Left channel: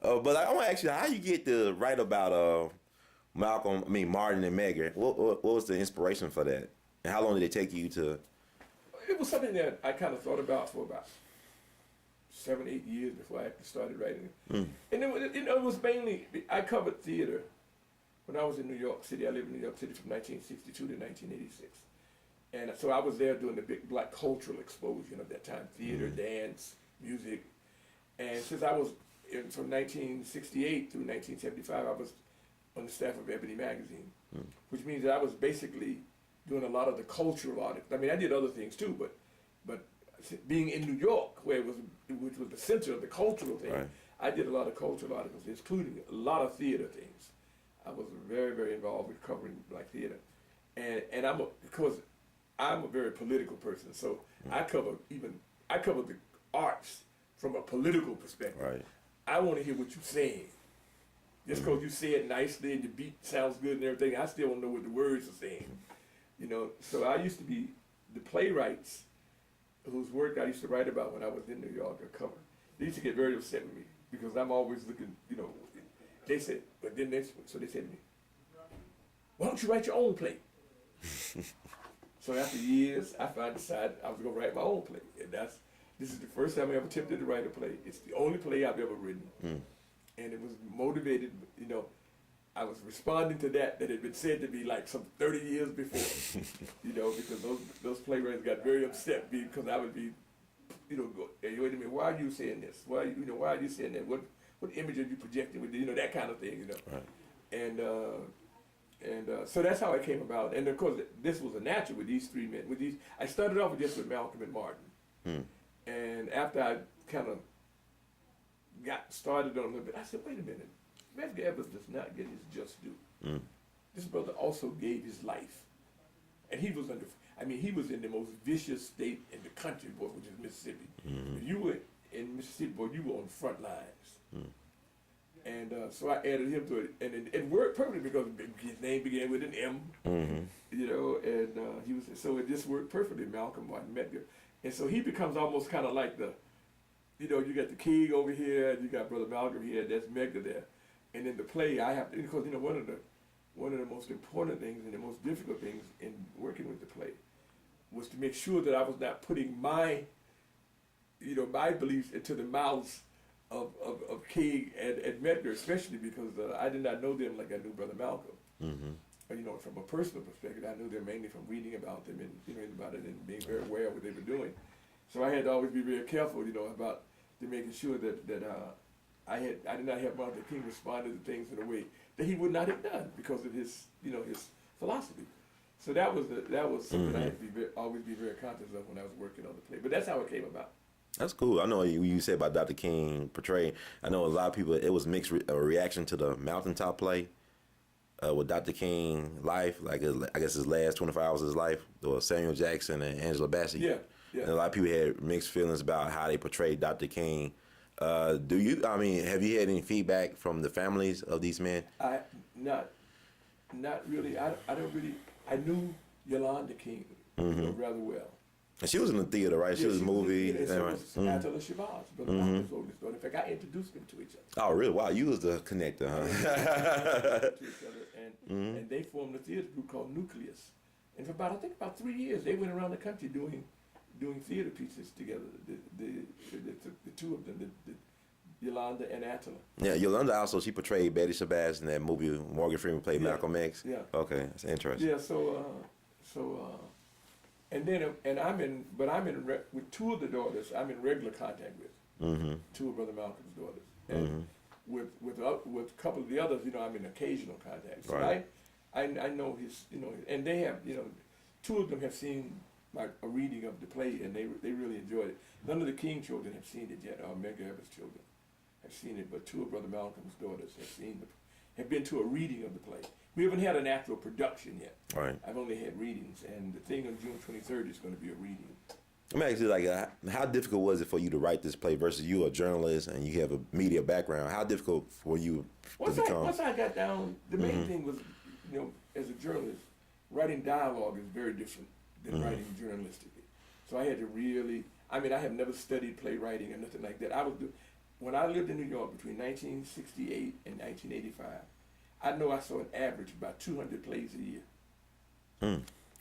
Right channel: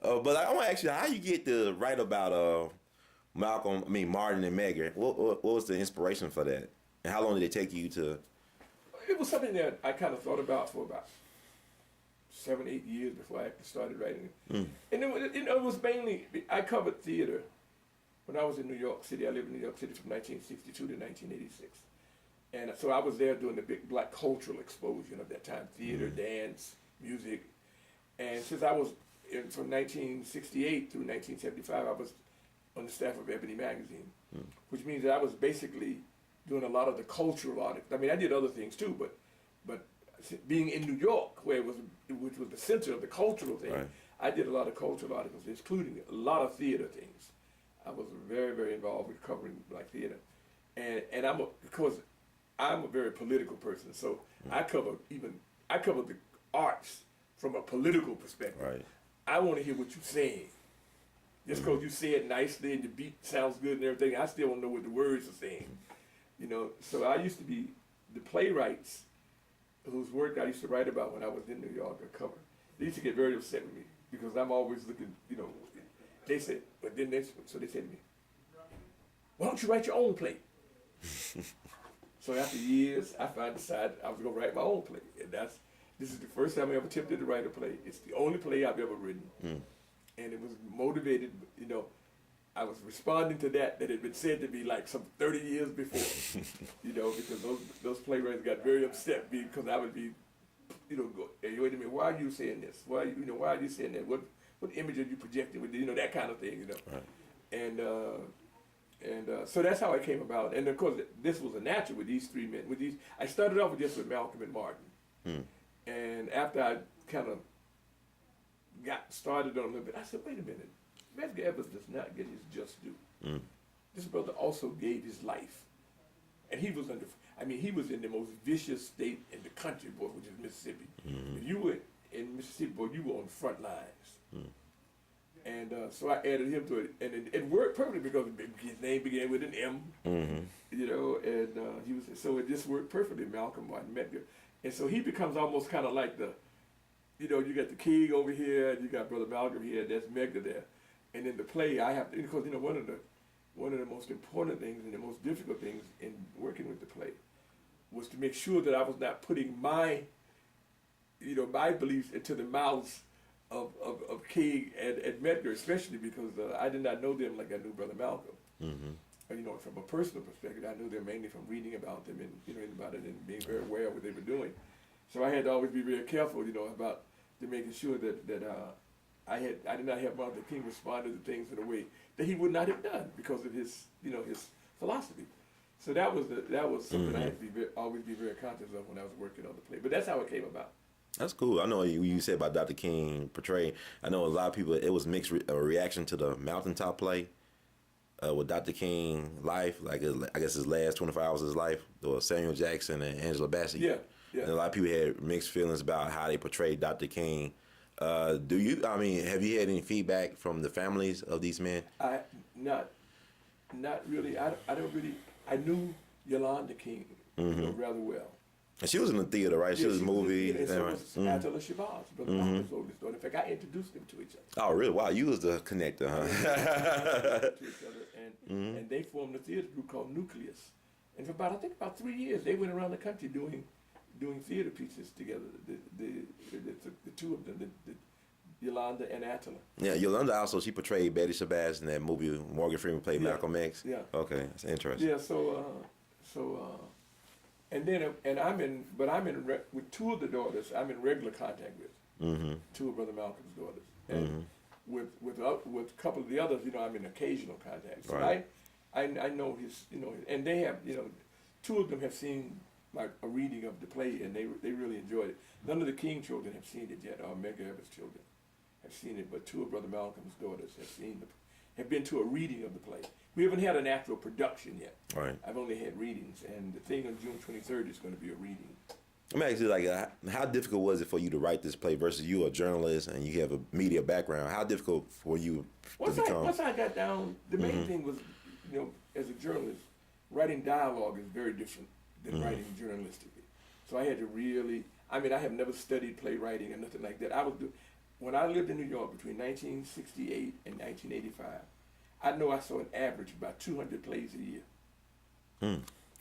But I want to ask you, how you get to write about Martin and Medgar? What was the inspiration for that? And how long did it take you to? It was something that I kind of thought about for about 7, 8 years before I actually started writing it. And it was mainly, I covered theater when I was in New York City. I lived in New York City from 1962 to 1986. And so I was there during the big black cultural explosion of that time, theater, dance, music. And since I was from 1968 through 1975, I was on the staff of Ebony magazine, which means that I was basically doing a lot of the cultural articles. I mean, I did other things too, but being in New York, which was the center of the cultural thing, right. I did a lot of cultural articles, including a lot of theater things. I was very, very involved with covering black theater, and because I'm a very political person, so I cover the arts from a political perspective. Right. I want to hear what you're saying. Just because you say it nicely and the beat sounds good and everything, I still don't know what the words are saying. So I used to be the playwrights whose work I used to write about when I was in New York or cover. They used to get very upset with me because I'm always looking, they said, so they said to me, why don't you write your own play? So after years, I decided I was going to write my own play. And this is the first time I ever attempted to write a play. It's the only play I've ever written. And it was motivated, I was responding to that had been said to me like some 30 years before, because those playwrights got very upset because I would be, go, hey, wait a minute, why are you saying this? Why are you saying that? What image are you projecting with, that kind of thing, Right. And so that's how it came about. And of course, this was a natural with these three men. I started off just with Malcolm and Martin. And after I kind of got started on a little bit, I said, wait a minute, Medgar Evers does not get his just due. This brother also gave his life. And he was in the most vicious state in the country, boy, which is Mississippi. If you were in Mississippi, boy, you were on the front lines. And so I added him to it, and it worked perfectly because his name began with an M, and he was, so it just worked perfectly, Malcolm Martin Medgar. And so he becomes almost kind of like you got the king over here, and you got Brother Malcolm here, that's Medgar there. And in the play, I have to, because one of the most important things and the most difficult things in working with the play was to make sure that I was not putting my beliefs into the mouths of King and Medgar, especially because I did not know them like I knew Brother Malcolm. From a personal perspective, I knew them mainly from reading about them and about it and being very aware of what they were doing. So I had to always be very careful, about making sure that I did not have Martin Luther King respond to things in a way that he would not have done because of his his philosophy. So that was something I had to always be very conscious of when I was working on the play. But that's how it came about. That's cool. I know you said about Dr. King portraying. I know a lot of people, it was mixed reaction to the Mountaintop play with Dr. King life, like I guess his last 24 hours of his life, or Samuel Jackson and Angela Bassett. Yeah. And a lot of people had mixed feelings about how they portrayed Dr. King. Have you had any feedback from the families of these men? Not really. I knew Yolanda King rather well. And she was in the theater, right? She was in the movie. And so was A.L.L, Shabazz, Brother Malcolm's oldest daughter. In fact, I introduced them to each other. Oh, really? Wow, you was the connector, huh? To each other, and they formed a theater group called Nucleus. And for about 3 years, they went around the country doing theater pieces together. The two of them, Yolanda and Attila. Yeah, Yolanda also, she portrayed Betty Shabazz in that movie. Morgan Freeman played Malcolm X. Yeah. Okay, that's interesting. Yeah. And I'm in with two of the daughters. I'm in regular contact with two of Brother Malcolm's daughters, and with a couple of the others, I'm in occasional contact. So right. I know his, and they have, two of them have seen a reading of the play, and they really enjoyed it. None of the King children have seen it yet, or Medgar Evers' children have seen it, but two of Brother Malcolm's daughters have been to a reading of the play. We haven't had an actual production yet. Right. I've only had readings, and the thing on June 23rd is going to be a reading. Let me ask you, how difficult was it for you to write this play versus you a journalist and you have a media background? How difficult for you to become? Once I got down, the main thing was, as a journalist, writing dialogue is very different than writing journalistically. So I had to really, I have never studied playwriting or nothing like that. when I lived in New York between 1968 and 1985, I know I saw an average of about 200 plays a year.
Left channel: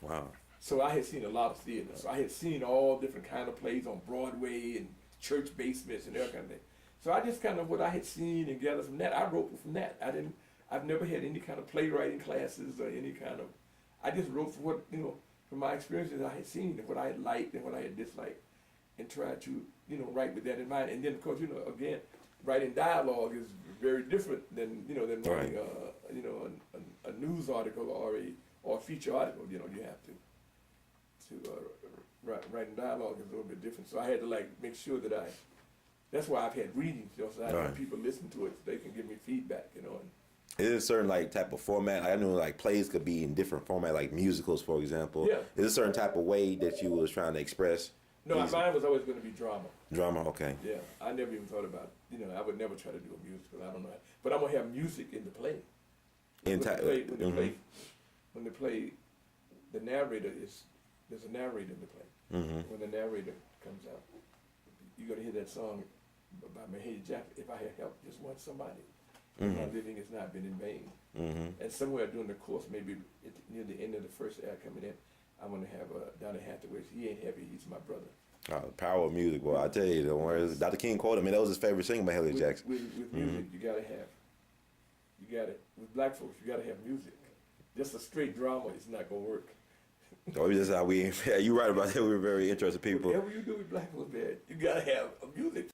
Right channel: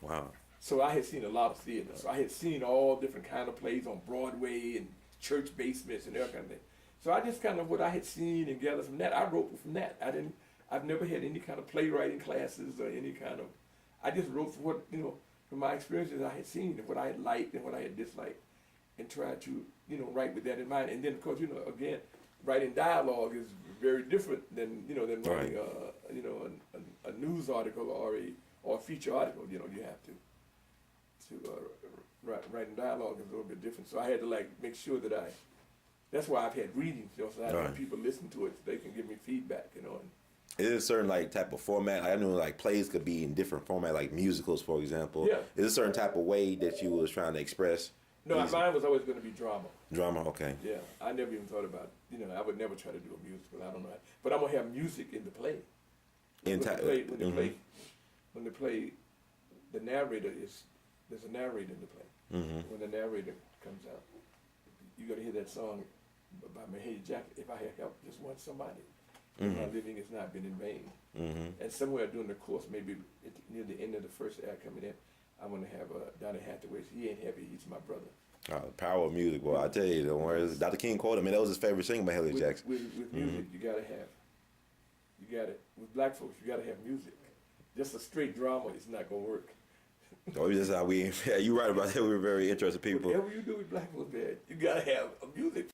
Wow. So I had seen a lot of theaters. So I had seen all different kind of plays on Broadway and church basements and that kind of thing. So I just kind of what I had seen and gathered from that, I wrote from that. I've never had any kind of playwriting classes or any kind of, I just wrote from what, from my experiences I had seen and what I had liked and what I had disliked and tried to, write with that in mind. And then of course, again, writing dialogue is very different than, than writing, a news article or a feature article. You have to writing dialogue is a little bit different. So I had to make sure that that's why I've had readings, so I have people listen to it so they can give me feedback, And is it a certain type of format? I know plays could be in different format, like musicals, for example. Yeah. Is it a certain type of way that you was trying to express? No, mine was always going to be drama. Drama, okay. Yeah, I never even thought about, I would never try to do a musical. I don't know, but I'm gonna have music in the play. When they play, the narrator there's a narrator in the play. Mm-hmm. When the narrator comes out, you're gonna hear that song by Medgar. If I had helped just one somebody, my living has not been in vain. Mm-hmm. And somewhere during the course, maybe near the end of the first act coming in, I'm gonna have Donny Hathaway. He ain't heavy. He's my brother. The power of music, boy. I tell you, don't worry. Dr. King quoted me. That was his favorite singer by Haley Jackson. With music, you got it. With black folks, you got to have music. Just a straight drama is not going to work. Oh, that's how you're right about that. We're very interested people. Whatever you do with black folks, man, you got to have a music.